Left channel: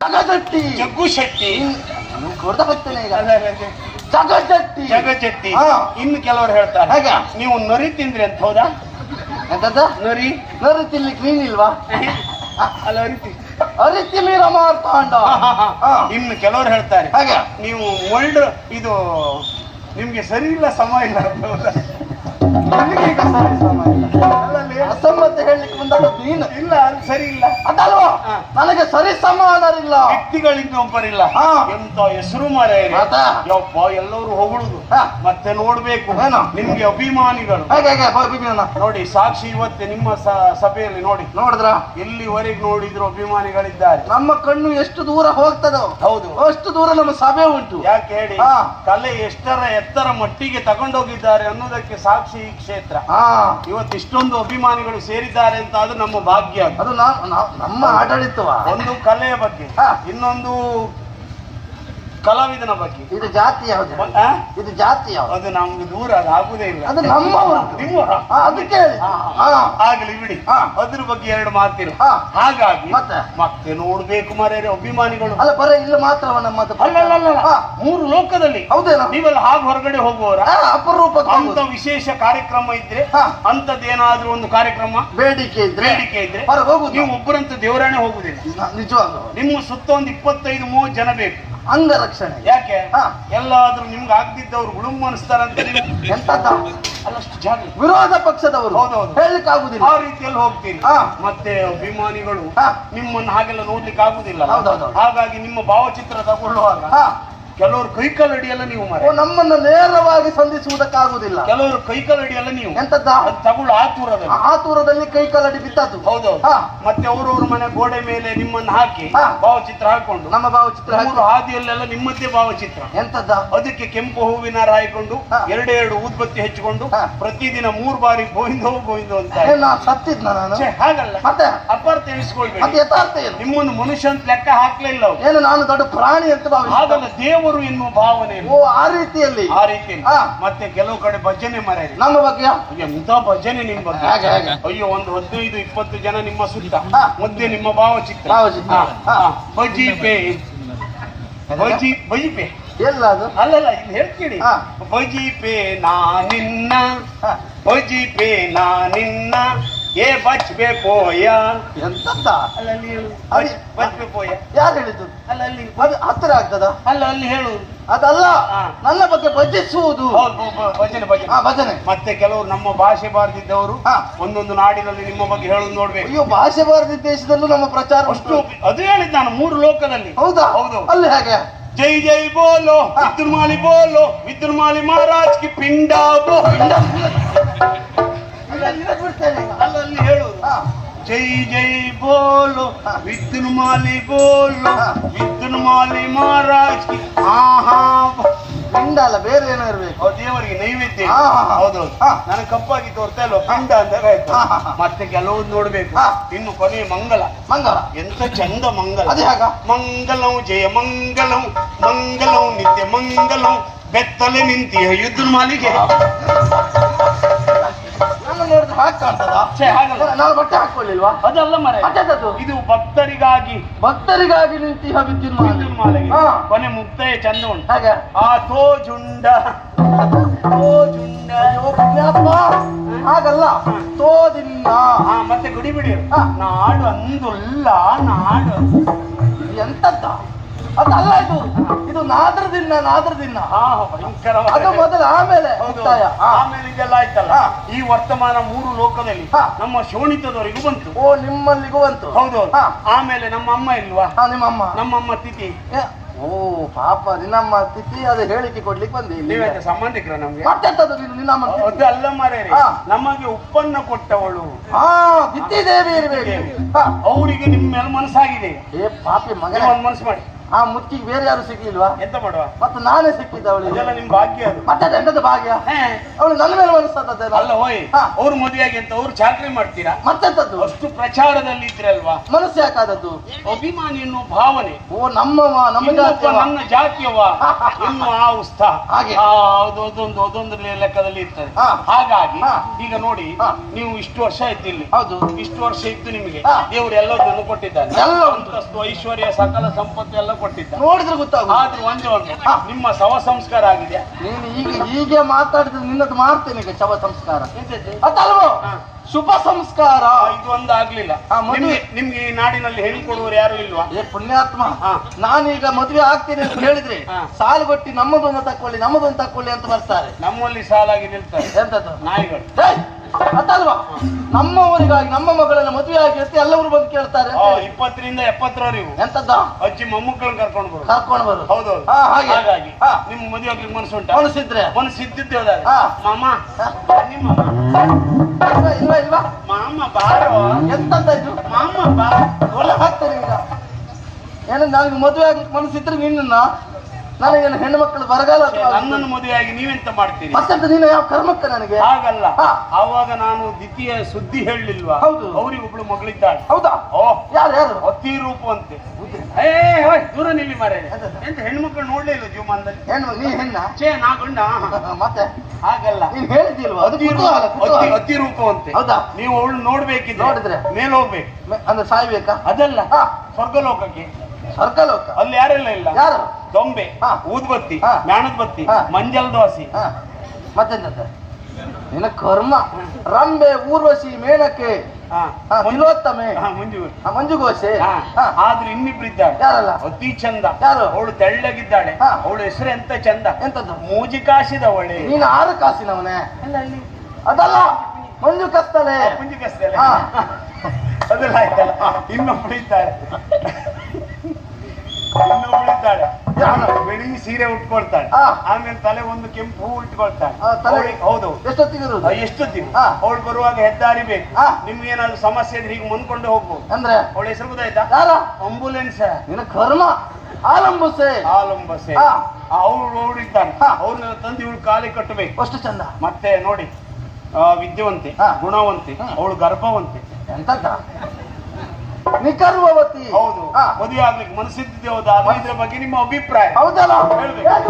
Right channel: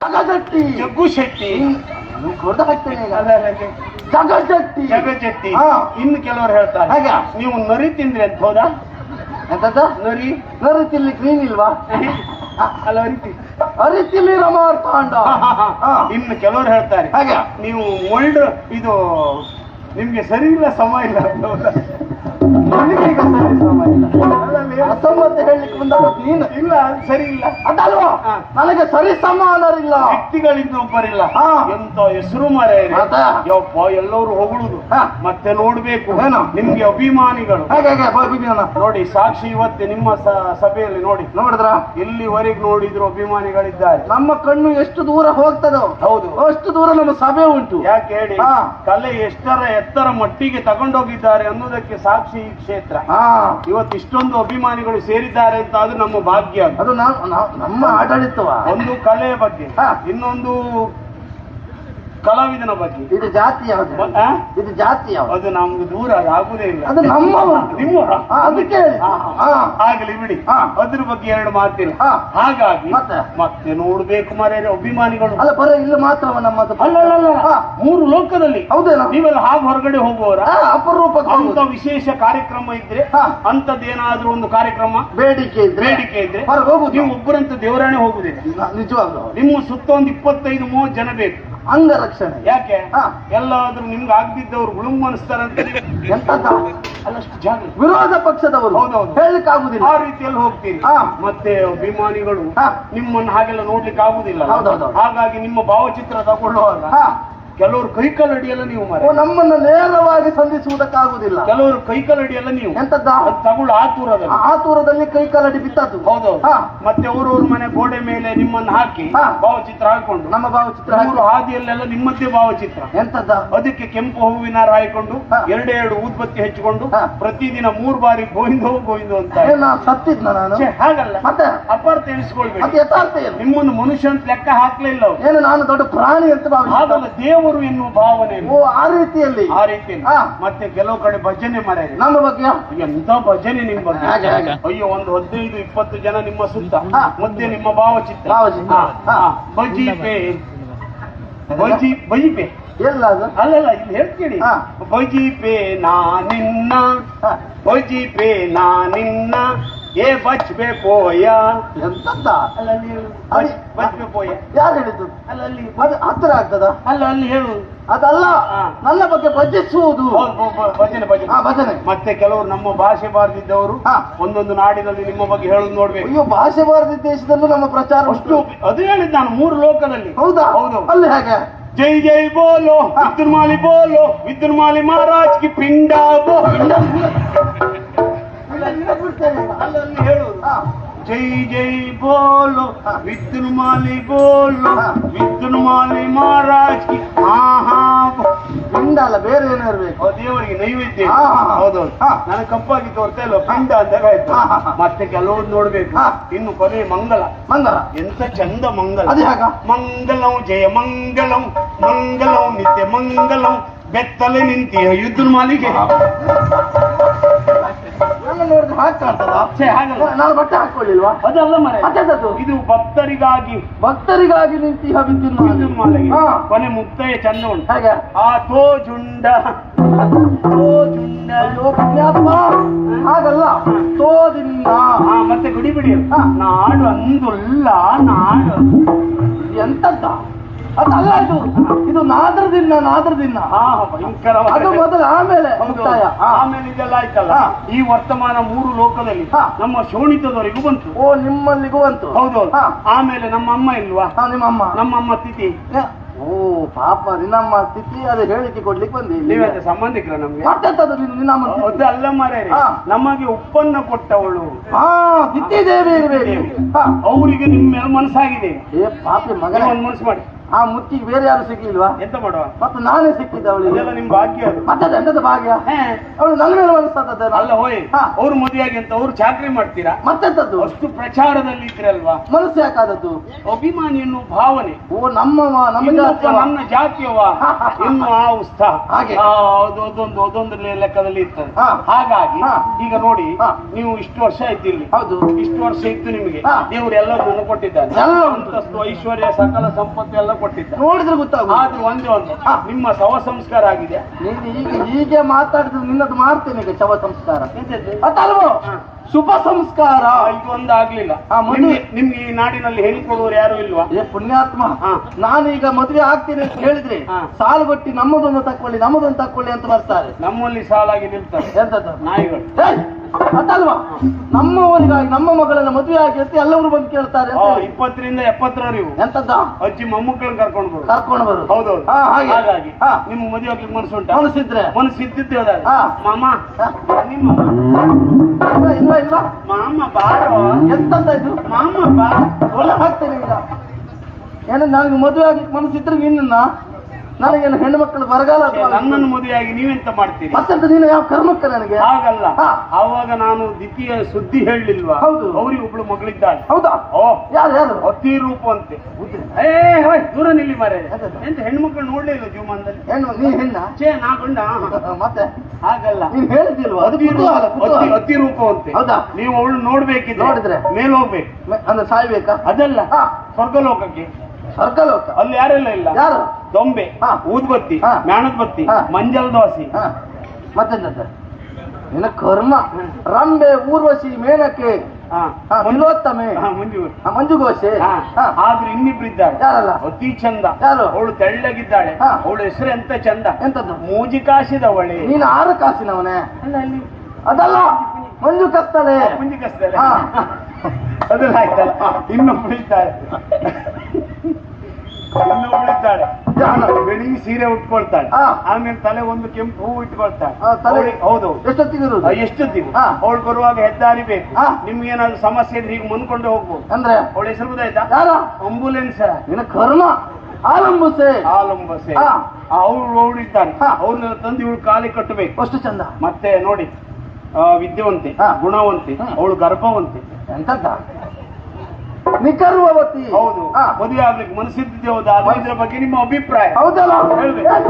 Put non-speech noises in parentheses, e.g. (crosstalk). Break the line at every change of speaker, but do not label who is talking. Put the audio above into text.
ಜಗಜಟ್ಟಿ.
ಜಗ್ಗು ಶೆಟ್ಟಿ.
ಕೊಡ್ತಾ ಹೋಗ್ತೇನೆ ಈಗ. ಜಗಜಟ್ಟಿ.
ಜಗಜಟ್ಟಿ.
ಹಾ.
ಇನ್ನು ಕೆಲವರು ಹೇಳ್ತಾರೆ.
ಹಾಗೆ?
ನೀವು ನರಿ ತಿಂದ್ರಿ ಅಂತ ಹೌದಾ?
ಎಂತದ
ನರಿ.
ನರಿ ತಿನ್ಲಿಕ್ಕೆ ನೀನಿಲ್ವಾ? (laughs)
ಅಲ್ಲ ಅರಿತಿ.
ಅರಿತಿಲಿ ರಮಾರ್ತಾಂಡ ಹಾ.
ಇನ್ನು ಕೆಲವರು ಹೇಳ್ತಾರೆ.
ಹಾಗೆ?
ನೀವು ಮೊಲ್ಡ್ ಇದು ನಿಮ್ಗೆ ಸರಿ ಇಲ್ಲ ಸಮ ಇಲ್ಲ ಅಂತ ಹೌದಾ?
ನಿನಗೆ ಈಗ ಸರಿ ಸಮ ಇಲ್ಲ.
ಅಲ್ಲಲ್ಲಿ
ಅಸಮ್ಮತ ಹೇಳಲಿಕ್ಕೆ ಬಂದದ್ದು ನೀನು
ಇಲ್ಲ ಅದು ಸರಿ ಇಲ್ಲ
ಅದಲ್ವಾ. ನನಗೆ ಸರಿ ಸಮಾನರಿಲ್ಲ
ವ್ಯಕ್ತಿಗಳಿಂದ ಒಬ್ಬರಿಲ್ಲ. ಎಂತ ಹೆಸರು
ಅದ.
ಯಪ್ಪ ಎಲ್ಲರೂ ಹೊಗಳುದು. ಮತ್ತೆ ನೋಡ್ಬೇಕು? ನಿಮ್ಗೆ ಅಭಿಮಾನಿಗಳು ನೋಡಿ ಸಾಕ್ಷಿ ಇವತ್ತೆ ನಿಮ್ಮ ಸಭೆಯಲ್ಲಿ ನೋಡಿ
ನೋಡಿದ್ರ
ಎಲ್ಲಿವರೆಗೆ ನೋಡಿದ್ರು ಅಭಿಮಾನಿಗಳಿದ್ದಾರೆ
ನಮ್ಮ ಕಣ್ಣು ಎಷ್ಟು ದೂರ ಹೋಗ್ತದೋ
ಹೌದು
ಅಷ್ಟು ದೂರ ನಮ್ಮ ಸಭೆ ಉಂಟು
ಯಾಕೆ ಹೇಳಿ. ಕಲೆ ಎಷ್ಟರ ಎತ್ತರ ಮಟ್ಟಿಗೆ ತಗೊಂಡೋಗಿದ್ದಾರೆ ಅನ್ನೋದಕ್ಕೆ ಸಾಕ್ಷಿ ಈ ಕ್ಷೇತ್ರ
ಹಾ
ಇವತ್ತು ಇಷ್ಟೊಂದು ಅಭಿಮಾನಿಗಳು ಸೇರಿದ್ದಾರೆ ಅಂತ ಅದು ನಮ್ಮ ಭಾಗ್ಯ ಅದು.
ನಾವು ನಮ್ಮ ಆಡಳಿತವ
ಒಂದು ಕಲೆಯ ಬಗ್ಗೆ. ಇನ್ನೊಂದು ಕಲಾವಿದನ ಬಗ್ಗೆ.
ಇದು ಜಾತಿ ಯಾವುದು? ಇದು ಜಾತಿ ಯಾವುದು?
ಅದು ನಮ್ಗೆ ದೂರ ಆಗುದೇ ಇಲ್ಲ.
ಅದು ನಮ್ಮ ನಿಮ್ಮ ಅದಕ್ಕೆ.
ಆಗ್ಲಿ ಬಿಡಿ.
ಹಾ.
ಅದ್ರ ಬಗ್ಗೆ ಎರಡು ಮಾತಿಲ್ಲ. ಹಾಗಾಗಿ
ಮತ್ತೆ?
ನೋಡ್ಬೇಕು ಮರ ಅಭಿಮಾನಿಗಳು.
ಅಲ್ಲ ಬರ ಇಲ್ಲ ಮಾತ್ರ
ನಮ್ಮ
ಅಲ್ಲ.
ಮೂರು ಲೋಕದಲ್ಲಿ.
ಹೌದೇನ?
ನೀವೆಲ್ಲ ಹಾಗೆ ಹೊರಗಡೆ ಹೋಗುವವರ?
ಅಪರೂಪ
ಅಂತ ವಿಶೇಷ ಕಾರ್ಯಕ್ರಮ ಇದ್ರೆ
ಅಂತದ್ದು
ಏನಾದ್ರೂ ಒಂದು ಕಾರ್ಯಕ್ರಮ?
ಬೇಡಿಕೆ ಇದ್ರೆ.
ಬೇಡಿಕೆ ಇದ್ರೆ. ನೀವು ಒಬ್ಬರಂತ ದೇವರಾಣೆ ಹೋಗುದಿಲ್ಲ.
ನಿಜವಾಗ ನಿಜವಾಗ್ಲೂ.
ನಿಮ್ಮ ಸುತ್ತ ಒಂದು ಇಪ್ಪತ್ತೈದು ಮೂವತ್ತು ಜನ ಬೇಕು.
ಅಂಗರಕ್ಷಣೆ
ಯಾಕೆ
ಹಾ.
ಎಲ್ಲಾದ್ರೂ ನಿಮ್ಗೆ ಆಗ್ದಿದ್ದವ್ರು ಗುಳುಮ್ ಅನಿಸ್ತಾರಂತ
ಎಂತದ
ಅಲ್ಲಷ್ಟು ಜಾಗ
ವಿರೋಧ ಪಕ್ಷದವರು
ಹೌದೌದು.
ಹೇಳಲಿಕ್ಕೆ ಆಗುದಿಲ್ಲ
ಆ ರೀತಿಯಲ್ಲಿ ಹೋಗ್ತೀರಿ. ಮತ್ತೆ ಅಭಿಮಾನಿಗಳು. ನಿಮ್ಮನ್ನು ಹಾಗೆಲ್ಲ ನೋಡ್ಲಿಕ್ಕೆ ಆಗುದಿಲ್ಲ. ಹಾಗಾಗಿ ನಿಮ್ಮ ಭಾವಚಿತ್ರ ತಗೊಳ್ಳುವಾಗ. ಕೆಲವರು ಕೈಕಲಡಿಯಲ್ಲ ನೀವು
ಓ,
ಮರೆ
ನಮ್ಮನ್ನು ನೇರವಾಗಿ ಸಂಧಿಸುವುದಕ್ಕಾಗುವುದಿಲ್ಲ.
ಕೆಲವರು ಕೈಕಲಡಿಯಲ್ಲ ನೀವು.
ಎಂತದ್ದ
ಅದು ತಗೊಳ್ಳು ಆತುರದಲ್ಲಿ.
ಆ ತೂರದಲ್ಲಿ ಕೈ ಕಾಲಡಿ ಬಿತ್ತದ್ದು
ಹೌದೌದು.
ಹಾ.
ಮತ್ತೆ ಅವರವ್ರ ಮನೆ ಗೋಡೆ ಮೇಲೆ ನಿಮ್ಮನ್ನ ಹಾಕಿ
ಹಾ.
ಭಾವಚಿತ್ರ ಹಾಕೊಂಡು.
ನಮ್ಮ ಭಾವಚಿತ್ರ
ಅವರು ಹಾದಿಯಲ್ಲೆಲ್ಲ ನಿಮ್ಮದ್ದೇ ಭಾವಚಿತ್ರ.
ಎಂತದ್ದ
ಅದಕ್ಕೆ ಕೆಂಪು ಹೂವಿನ ಹಾರ ಹಾಕೊಂಡು
ಹಾ.
ಎರಡೆರಡು ಊದ್ಬತ್ತಿ ಹಚ್ಚಿಕೊಂಡು
ಹಾ.
ಪ್ರತಿದಿನ ಮೂರು ಬಾರಿ ಗೋವಿಂದೋ ಗೋವಿಂದೋ ಅಂತ
ಏ, ನಾ ಸತ್ತಿದ್ನ ನಾನು?
ಛೆ, ಹಾಗಲ್ಲ.
ಮತ್ತೆ?
ಅಪಾರ್ಥ ಇರಿಸ್ಕೊಳ್ಬೇಡಿ
ಯಥಾರ್ಥ ಏನು?
ನಿಮ್ಮನ್ನು ಮನುಷ್ಯ ಅಂತ ಲೆಕ್ಕ ಹಾಕ್ಲೇ ಇಲ್ಲ ಅವ್ರು.
ಏನು ನಾನು ದೊಡ್ಡ ಪ್ರಾಣಿ ಅಂತ ಭಾವಿಸಿದ
ಹಾಗಲ್ಲ ದೇವರು ಎನ್ನುವ ಭಾವನೆ
ಓ ಆ ರೀತಿಯಲ್ಲಿ.
ಆ ರೀತಿ. ಮತ್ತೆ ಕೆಲವು ಕಡೆ ಭಜನೆ ಮರ
ನಮ್ಮ ಬಗ್ಗೆ?
ಎಂತ ಭಜನೆ ನಿಮ್ ಬಗ್ಗೆ. ಅಯ್ಯೋ ಒಂದು ಹದಿನೈದು ಇಪ್ಪತ್ತು ಜನ ನಿಮ್ಮ ಸುತ್ತ. ಮಧ್ಯೆ ನಿಮ್ಮ ಭಾವಚಿತ್ರ. ಬಜಿಪೆ ಬಜಿ ಬಜಿಪೆ
ಎಲ್ಲ ಅದು?
ಅಲ್ಲಲ್ಲ ಇಲ್ಲಿ ಹೇಳ್ತೀನಿ. ಬಜಿಪೆ ನಾ ನಿನ್ನ. ಬಜಿಪೆ ನಾ ನಿನ್ನ. ಏ ಬಚ್ ಪೋಯ
ಎಂತದ್ದ
ಅಲ್ಲ ಅಲ್ಲಿ ಹೇಳು ಬಚ್ಬೆ
ಯಾರು ಹೇಳಿದ್ದು?
ಅಲ್ಲ ಅಲ್ಲಿ
ಅದು ಹತ್ತಿರ ಆಗ್ತದ?
ಅಲ್ಲ ಅಲ್ಲಿ ಹೇಳು.
ಅದಲ್ಲ. ನನ್ನ ಬಗ್ಗೆ ಭಜಿಸುವುದು.
ಬ- ಬ- ಭಜನೆ ಭಜನೆ.
ಭಜನೆ.
ಮತ್ತೆ ಕೆಲವರು ನಮ್ಮ ಭಾಷೆ ಬಾರದಿದ್ದವರು. ಒಂದೊಂದು ನಾಡಿನಲ್ಲಿ ನಿಮ್ಮ ಬಗ್ಗೆ ಹೇಳುದು ನೋಡ್ಬೇಕು.
ಅಯ್ಯೋ ಭಾಷೆ ಬಾರದ ದೇಶದಲ್ಲೂ ನಮ್ಮ ಪ್ರಚಾರ
ಅಷ್ಟು ಅದು ಹೇಳಿದ್ ನಾನು ಮೂರು ಲೋಕದಲ್ಲಿ.
ಹೌದಾ?
ಹೌದು
ಅಲ್ಲಿ ಹಾಗೆ?
ಜೈ ಜೈ ಬೋಲೋ
ಮಾಲಿ
ವಿದ್ಯುನ್ಮಾಲಿ ಬೋಲೋ ವಿದ್ಯುನ್ಮಾಲಿ ಮಹಾರಾಜ್ ಕಿ ಪಿಂಡ
ಇಲ್ಲ,
ಅಲ್ಲಲ್ಲಿ ಜೈ ಜೈ ಬೋಲು.
ವಿದ್ಯುನ್
ಮಾಲಿ ಬೋಲು.
ವಿದ್ಯುನ್
ಮಾಲಿ ಮಹಾರಾಜ್ ಹಾ ಹಾ
ಪಿಂಡ ಅಲ್ಲ ಬೇರೆ ಏನೋ ಇರ್ಬೇಕು.
ದೇವರಿಗೆ ನೈವೇದ್ಯ.
ಹೌದು.
ಹೌದೌದು. ನಾನು ಕಪ್ಪಾಗಿ ತೋರ್ತಾ ಇಲ್ವಾ ಪಿಂಡ ಅಂದಾಗ ಆಯ್ತು. ಮತ್ತೆ ಕೆಲವೊಂದು ನೋಡ್ಬೇಕು. ಇನ್ನು ಕೊನೆ ಮಂಗಲ.
ಮಂಗಲ.
ಎಂತ ಚಂದ ಮಂಗಲ.
ಅದು ಹೇಗ?
ಮಂಗಲಂ ಜಯ ಮಂಗಲಂ ಮಂಗಲಂ ನಿತ್ಯ ಮಂಗಲಂ ಬೆತ್ತಲೆ ನಿಂತಿಯ ಯುದ್ಧ ಮಾಲಿಗೆ.
ನೋಡಿದ್ರೆ ಹಾಗೆ ಕಾಣ್ತದ?
ಛೆ, ಹಾಗಲ್ಲ.
ನಾವು ಬಟ್ಟೆ ಹಾಕೊಳ್ಳಿಲ್ವಾ
ಅದಲ್ಲ ಮನೆ.
ಅದು
ಇದು ಭಕ್ತರಿಗಾಗಿ.
ಭಕ್ತರಿಗಾಗಿ ವಿದ್ಯುತ್
ಮಾಲಿಗೆ ಕೊನೆ ಮುಕ್ತಾಯ ಚಂದ ಉಂಟು.
ಹಾಗೆ?
ಆ ತೋ ಜುಂಡ ತೋ ಜುಂಡ
ಹಾಗಲ್ಲ. ತೋದಿಲ್ಲ.
ಹಾ ಮತ್ತೆ ಬಿಡಿ ಬಿಡಿ.
ನಾ
ನಾಡು ಅಂದುಲ್ಲ ನಾಡು.
ಎಂತದ್ದ? ಅದಲ್ಲ ಇದು ಇದು ನಾದ್ರ ದಿನ
ನಾದ್ರ ದಿನ
ಅದು ಮೊದಲು ಆಮೇಲೆ. ಮುಕ್ತಾಯ.
ಆಮೇಲೆ ಇದೆಲ್ಲ ಆಯ್ತಲ್ಲ? ಈ ವರ್ತಮಾನ ಮೂರು ಲೋಕದಲ್ಲಿ ನಮ್ಮ ಶೋಣಿತದವರಿಗೂ ಬಂತು.
ಓ ನಿಮ್ಮಲ್ಲಿಗೂ ಬಂತು. ಹೌದು.
ಆಮೇಲೆ ನಮ್ಮ ಅಮ್ಮ ಇಲ್ವಾ?
ನಿಮ್ಮ ಅಮ್ಮ.
ನಮ್ಮ ಅಮ್ಮ
ತಿಥಿ ಓ ಪಾಪ ನಿನ್ನಮ್ಮ ತಿಥಿ ಅದೇ ಹೇಳಿಕೆ ಕೊಡ್ಲಿಕ್ಕೆ ಬಂದೆ
ನೀವೇ ಸಂಬಂಧಿಕರ ನಮ್ಗೆ?
ಮತ್ತೆಂತದ್ದು ನೀನು ನಿನ್ನಮ್ಮ
ಅಲ್ಲ ಮಾರೇ ನಮಗೆ ಉಪ್ಪನ್ನ ಕೊಟ್ಟವಳು.
ಹಾ ತಿಥಿ ದೇವಿ.
ಅವರಿಗೆ ನಿಮ್ಮ ಮೇಲೆ ಮನಸ್ಸಾಗಿದೆ.
ಏ ಪಾಪಿ ಮಗನ.
ಒಂದು ಮನಸ್ಸು ಮಾಡಿ.
ಆ ಮುತ್ತಿಗೆ ಬೇರೆ ಯಾರು ಸಿಗ್ಲಿಲ್ವಾ
ಎಂತ ಮಾಡುವ?
ಮತ್ತು ನಾನೇ ಸಿಕ್ಕಿದ್ದ
ಅವಳು ನಿಮ್ ಭಾಗ್ಯ
ಮತ್ತೆ ಭಾಗ್ಯ? ಅವಳು ನನ್ನ ಮೇಲೆ
ಅಲ್ಲ? ಹೋಯ್. ಅವ್ರು ಮದುವೆಯಾಗಿ ಅಂತ ಅವ್ರು ಚಾಕ್ರಿ ಮಾಡ್ತೀರಾ?
ಮತ್ತೆಂತದ್ದು?
ಅಷ್ಟು ಪ್ರಚಾರದಲ್ಲಿ ಇದ್ರಲ್ವಾ
ಮನಸ್ಸು ಯಾಕಾದದ್ದು?
ಅಭಿಮಾನಿ ಎನ್ನುವ ಭಾವನೆ.
ಓ ನಮ್ಮವಾ ನಮ್ಮ ಜಾತಿಯವ.
ನನ್ನ ಜಾತಿಯವ ಎನ್ನುವ ಆ ಉತ್ಸಾಹ.
ಹಾಗೆ.
ಅದೊಂದು ಅದೊಂದು ಲೆಕ್ಕದಲ್ಲಿ ಇರ್ತದೆ. ಹಾಗಾಗಿ. ಈಗ ನೋಡಿ. ನೀವು ಇಷ್ಟು ವರ್ಷ ಇದ್ದಿಲ್ಲಿ
ಹೌದು.
ಇಷ್ಟು ವರ್ಷ ಇತ್ತು ನಿಮಗೆ. ದೇವರು ಎಲ್ಲದನ್ನು ಕೊಟ್ಟಿದ್ದಾನೆ.
ಎಲ್ಲ.
ಅಂತಸ್ತು ಐಶ್ವರ್ಯ ಸಕಲ ಸಂಪತ್ತು ಎಲ್ಲ ಕೊಟ್ಟಿದ್ದ.
ನೋಡಿದ್ರೆ ಗೊತ್ತಾಗುತ್ತೆ
ಆದ್ರೂ ಒಂದೇ ಒಂದು. ನಿಮ್ಮ ಶವ ಸಂಸ್ಕಾರ ಆಗಿದೆ.
ನೀನು ಈಗ ಹೀಗೆ ಮಾತಾಡಿದ್ರೆ ನಿನ್ನದು ಮಾಡ್ತೇನೆ ಈಗ ಶವ ಸಂಸ್ಕಾರ.
ಎಂತದ್ದು?
ಅದಲ್ವೋ. ಶುಭ ಸಂಸ್ಕಾರ.
ಆ, ಇದೊಂದು ಆಗ್ಲಿಲ್ಲ.
ಹಾ, ಮದುವೆ-
ನಿಮ್ಗೆ ನಿಮ್ಗೆ ಈ ನಾಡಿನಲ್ಲಿ ಹೆಣ್ಣು ಕೊಡುವವರು ಯಾರು ಇಲ್ವಾ?
ಏ ಪುಣ್ಯಾತ್ಮ.
ಹಾ.
ನಾನೀಗ ಮದುವೆ ಆಗ್ತೇನೆ ಅಂತ ಹೇಳಿದ್ರೆ
ಹಾ.
ಸಾಲು ಕೊಟ್ಟಿ ನಮ್ಮದೊಂದು ತಕ್ಕೊಳ್ಳಿ ನಮ್ಮದೊಂದು ತಕ್ಕೊಳ್ಳಿ ಅಂತ ಬರ್ತಾರೆ
ನಮ್ಮಲ್ಲಿ ಸಾಲಾಗಿ ನಿಲ್ತಾರೆ.
ಎಂತದ್ದು?
ನಾಯಿಗಳು.
ಏ, ನಮ್ಮ ಊರಿಗಾಗಿ ನಮ್ಮ ಮಗಳನ್ನ ಮದುವೆ ಆಗಿ ಅಂತ ಎಲ್ಲರೂ ಬಂದು ಕೇಳ್ತಾರೆ.
ಇಪ್ಪತ್ತರಿಂದ ಎಪ್ಪತ್ತರವರೆಗೂ
ಎಂತದ್ದ
ಅಜ್ಜಿ ಮೊಮ್ಮಕ್ಕಳನ್ನ ಕರ್ಕೊಂಡು ಬರು
ಕರ್ಕೊಂಡು ಬರು
ಹೌದೌದು.
ಹಾಗೆ.
ಹಾಗಾಗಿ
ನಿಮ್
ನಿಮ್ಮ ಮದುವೆ ಆಗ್ಲಿಕ್ಕೆ ಉಂಟು?
ಮನಸ್ಸಿದ್ರೆ?
ಮನಸ್ಸು ಇದ್ದಿದ್ದೆ ಹೋದಾಗ
ಹಾ.
ಮಾಮ. ನಿಮ್ಮ
ಇಲ್ವಾ ಇಲ್ವಾ
ಮಾಮ ಬಾರವ
ಎಂತಂತ
ಮಾಮ ಬಾ.
ಒಳ್ಳೆ ಹಾಕ್ತಾರೆ ಈಗ. ಏನು ನನಗೆ ಮದುವೆ ಆಗ್ಲಿಕ್ಕೆ ಮನಸ್ಸಿದ್ರೆ ನಿನ್ನ ನನಗೇನು ಹೆಣ್ಣು ಮಕ್ಕಳು ಬರಗಾಲ
ನನ್ನನ್ನು ಮದುವೆಯಾಗಿ ನೀವೆಂತ ಮಾಡ್ತೀರಿ?
ಮತ್ತೆಂತ ನೀನು ಯಾವ ಕರ್ಮಕ್ಕೆ ನನಗೆ?
ಹಾಗಲ್ಲ. ಆವಾಗ ನಾನು ದ್ವಿತೀಯ ಸುದ್ದಿ ಹೇಳಲಿಲ್ವಾ
ಹೌದು.
ಅವ್ರಿಗೆ ಒಬ್ಳು ಮಗಳಿದ್ದಾಳೆ.
ಹೌದಾ?
ಓ.
ಯಾರು ಯಾರು?
ಅತಿ ರೂಪ ಅಂತೆ
ಗೊತ್ತಿಲ್ಲ.
ಏ ಹೋಯ್, ದೂರ ನಿಲ್ಲಿ ಮಾರೆ. ಎಂತ ಹೆಣ್ಮಕ್ಳು ನೋಡ್ಲೇ ಇಲ್ಲ ಜೀವಮಾನದಲ್ಲಿ?
ಹೆಣ್ಣು ನೀ ಹೆಣ್ಣ?
ಚೇ ನಾ ಗಂಡ.
ಮತ್ತೆ?
ಹಾಗಲ್ಲ.
ನೀನ್ ಹೇಳ್ತಿಲ್ವಾ ಅದು
ಅತಿ ಅತಿ ರೂಪವಂತೆ.
ಹೌದಾ?
ನೀವು ಅವಳು ನೋಡ್ಬೇಕಿದ್ರೆ
ನೋಡಿದ್ರೆ?
ಮೇಲೆ ಹೋಗ್ಬೇಕು
ಅಂದ್ರೆ ಸಾಯ್ಬೇಕಾ?
ಅದಲ್ಲ.
ಹಾ. ಸ್ವರ್ಗಲೋಕ
ಅಲ್ಲಿ ಯಾರೆಲ್ಲ ಇಲ್ಲ?
ಯಾರು?
ದೊಂಬೆ
ಹಾ.
ಊದ್ಬತ್ತಿ. ಮ್ಯಾಣದ ಬತ್ತಿ
ಹಾ.
ಮಂಜಲ್ ದೋಸಿ.
ಮತ್ತೆಂತ ನಿನ್ನ ಕರ್ಮ. ರಂಬೆ ಊರ್ವಶಿ ಮೇಣಕ್ಕೆ.
ಹಾ.
ಹಾ, ತಿಲೋತ್ತಮೆ
ಹಾ, ಮಂಜು
ಹಾ, ಮಂಜುಘೋಷೆ
ಹಾ.
ಹಾ,
ಆದ್ರೆ ಇನ್ನಿಬ್ರು ಇದ್ದಾರೆ.
ಯಾರಲ್ಲ?
ಅತಿ ಚಂದ.
ಯಾರು?
ಅವಳು ತೆಳ್ಳಗಿದ್ದಾಳೆ.
ಅವಳು
ಅವಳ ಹೆಸರು ಎಂತ ಚಂದ?
ಎಂತದ್ದು?
ಮೂಜಿ ಕಾಸಿದವಳೆ.
ನೀನು ಆರು ಕಾಸಿನವನೇ? ಅದಲ್ಲ. ಮಂಜು ಕತ್ತಲೆ
ಮಂಜು ಕಸ್ತಲೆ.
ಹಾ.
ಅದೆಲ್ಲ ಆಯ್ತಲ್ಲ? ಇನ್ನೊಬ್ಳು ಇದ್ದಾಳೆ
ಯಾರು?
ಬಿಳಿ ಸೀರೆ ಉಟ್ಕೊಳ್ತಾಳೆ. ಆಮೇಲೆ ತಲೆ ಒಂದು ಕೆಂಪು ಹೂ ಇಟ್ಕೊಳ್ತಾಳೆ. ಹೌದು.
ಎಷ್ಟೊತ್ತಿಗೆ ಎಷ್ಟೊತ್ತಿಗೆ.
ಅವಳು ಬರುವಾಗ ಹೆದ್ದಾರಿ ಬೇಕು. ನಿಮ್ಗೆ ಏನಾದ್ರು ಸಮಸ್ಯೆ ಇದ್ರೆ ಹೀಗೆ ಮುಂದ್ಕೊಂಡು ಹೋಗ್ಬೋದು.
ಅಂದ್ರೆ?
ಅವಳ ಹೆಸರು ಗೊತ್ತಾಯ್ತಾ?
ಅಂಬುಲೆನ್ಸ್.
ಆಂಬುಲೆನ್ಸ್
ನಿನ್ನ ಕರ್ಮ ಆಲಂಬಸೆ.
ಆಲಂಬಸೆ. ಅವ್ರು
ಹಾ.
ಅವ್ರನ್ನ ತಂದು ಇವಳು ಕಾಲಿಗೆ ಕಟ್ಟಬೇಕು.
ಅಷ್ಟು ಚಂದ.
ಮತ್ತೆ ನೋಡಿ ವಿದ್ಯಾವಂತೆ. ಗುಣವಂತೆ. ಅವಳು ಗರ್ಭವಂತೆ.
ಎಂತಕ್ಕ ನಿಕರ್ವವತಿ
ಹೌದು. ಮದುವೆ ಆಗ್ಲಿಕ್ಕೆ ಮನಸ್ಸಿದ್ದೇ ಹೌದಾ? ಅದ್ರ ಇದ್ರ ಬಗ್ಗೆ ನಿಮ್ಮ ಅಭಿಪ್ರಾಯ.
ಹೌದಲ್ಲ.
ಹೇಳ್ಬೇಕು.